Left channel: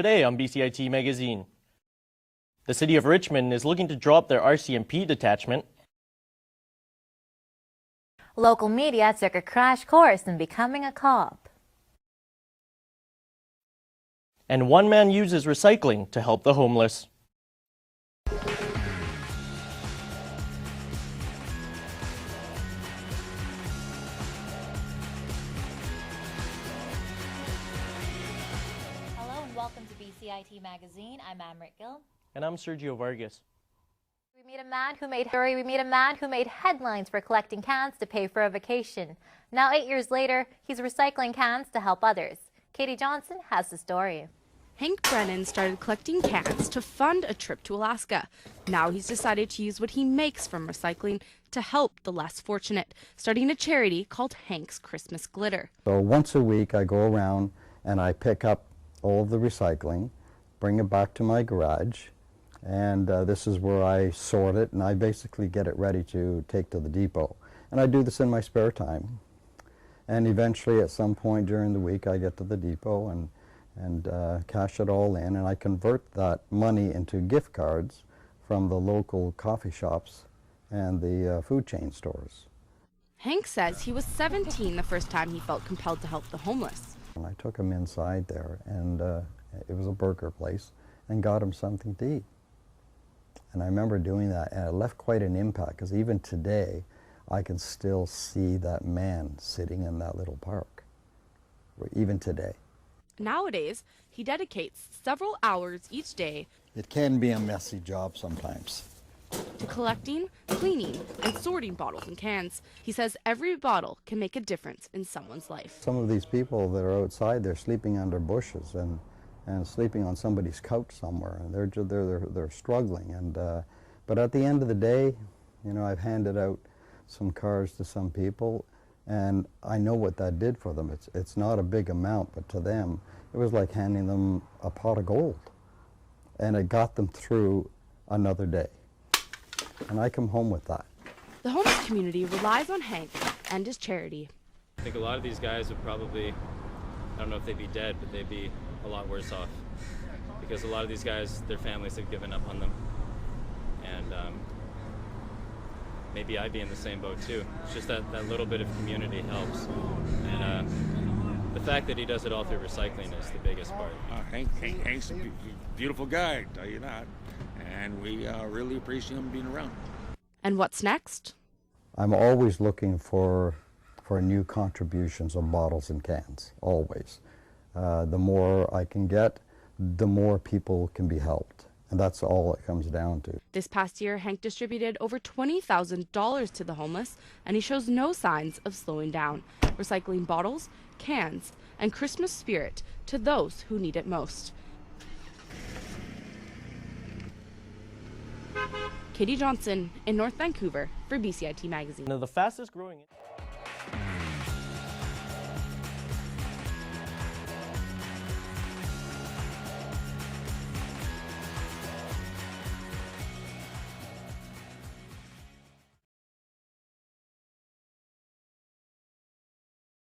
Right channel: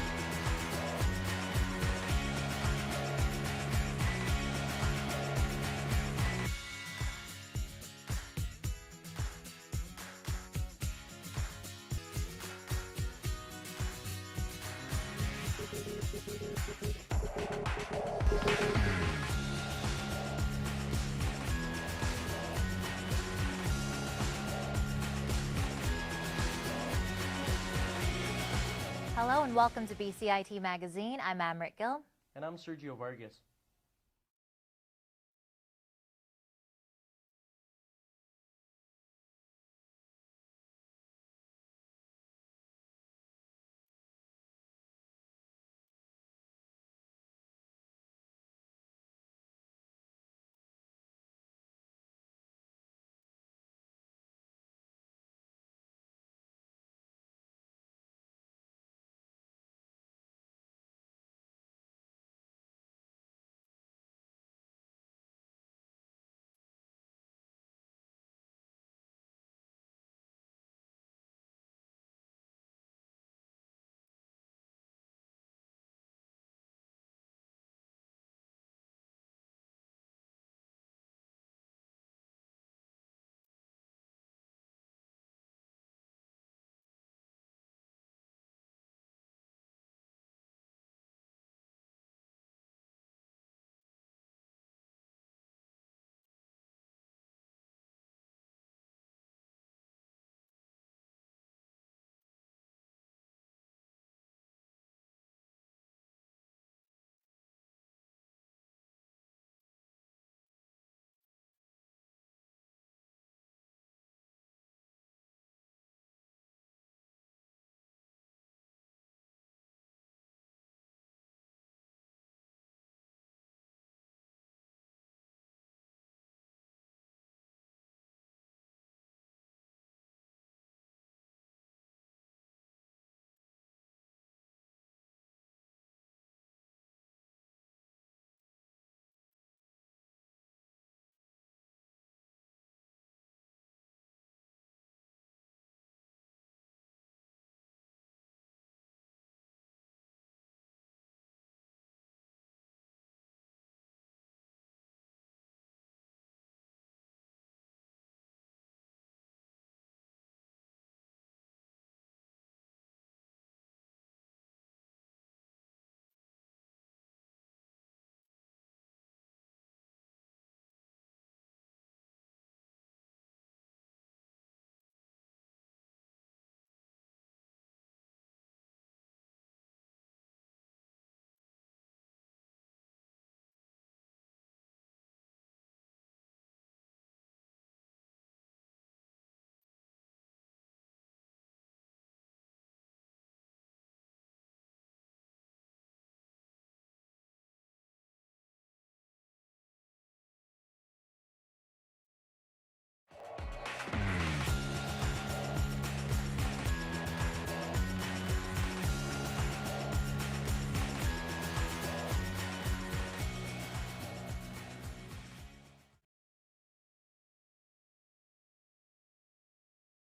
Today on BCIT Magazine, the City of Richmond is looking to drop their RCMP detachment. Local media took a crash course in becoming a cop. And one man uses recycling to help the homeless. Hello and welcome to BCIT Magazine. I'm Amrit Gill. And I'm Sergio Vargas. We meet a man who made headlines for collecting cans to pay for a vacation. Now 8 years later, he's recycling cans to help others. Katie Johnson has the story. Hank Brennan started collecting cans to fund a trip to Alaska. Now he's decided to use what he makes from recycling to help the less fortunate, starting a charity called Hank's Christmas Glitter. So once a week I go around and I pick up all of the recycling, bring it back to my garage, and this is where I sort it, and I basically get it ready to take to the depot. And I do this in my spare time. And eventually at some point during the week I get to the depot and cash it all in, and I convert that money into gift cards from the local coffee shops and the food chain stores. Hank says he was 17 the first time he felt compelled to help the homeless. And I took him inside there, and it was a burger place, and got him something to eat. And I remember doing that, and it left quite an impact, because even today I can still see that man sitting in that little park, even today. Nowadays, he dedicates several hours each day It can be a messy job sometimes. to collecting, cleaning, and sorting bottles and cans. He says every bottle can make a difference in someone's life. Some of these people that are outside, they're sleeping under bushes and sleeping on somebody's couch somewhere, and they're struggling. And but at the end of the day, you know, I've handed out some cars to some people, and I know what that did for them. It's not a big amount, but to them, it was like handing them a pot of gold. And it got them through another day. And I come home with that. The homeless community relies on Hank and his charity. I think a lot of these guys would probably, I don't know if they'd be dead, but they'd be a lot worse off. Because a lot of these guys, their families have given up on them. And maybe I'd be in the same boat too. It's just that little bit of community helps. And the fact that he does it all through recycling is the biggest part. Hank's a beautiful guy, tell you that. And we really appreciate him being around. And what's next? I'm always looking for new contributions of bottles and cans, always. The more I can get, the more people can be helped. And that's all it comes down to. This past year, Hank distributed over $20,000 to the homeless, and he shows no signs of slowing down, recycling bottles, cans, and Christmas spirit to those who need it most. Katie Johnson in North Vancouver for BCIT Magazine. One of the fastest growing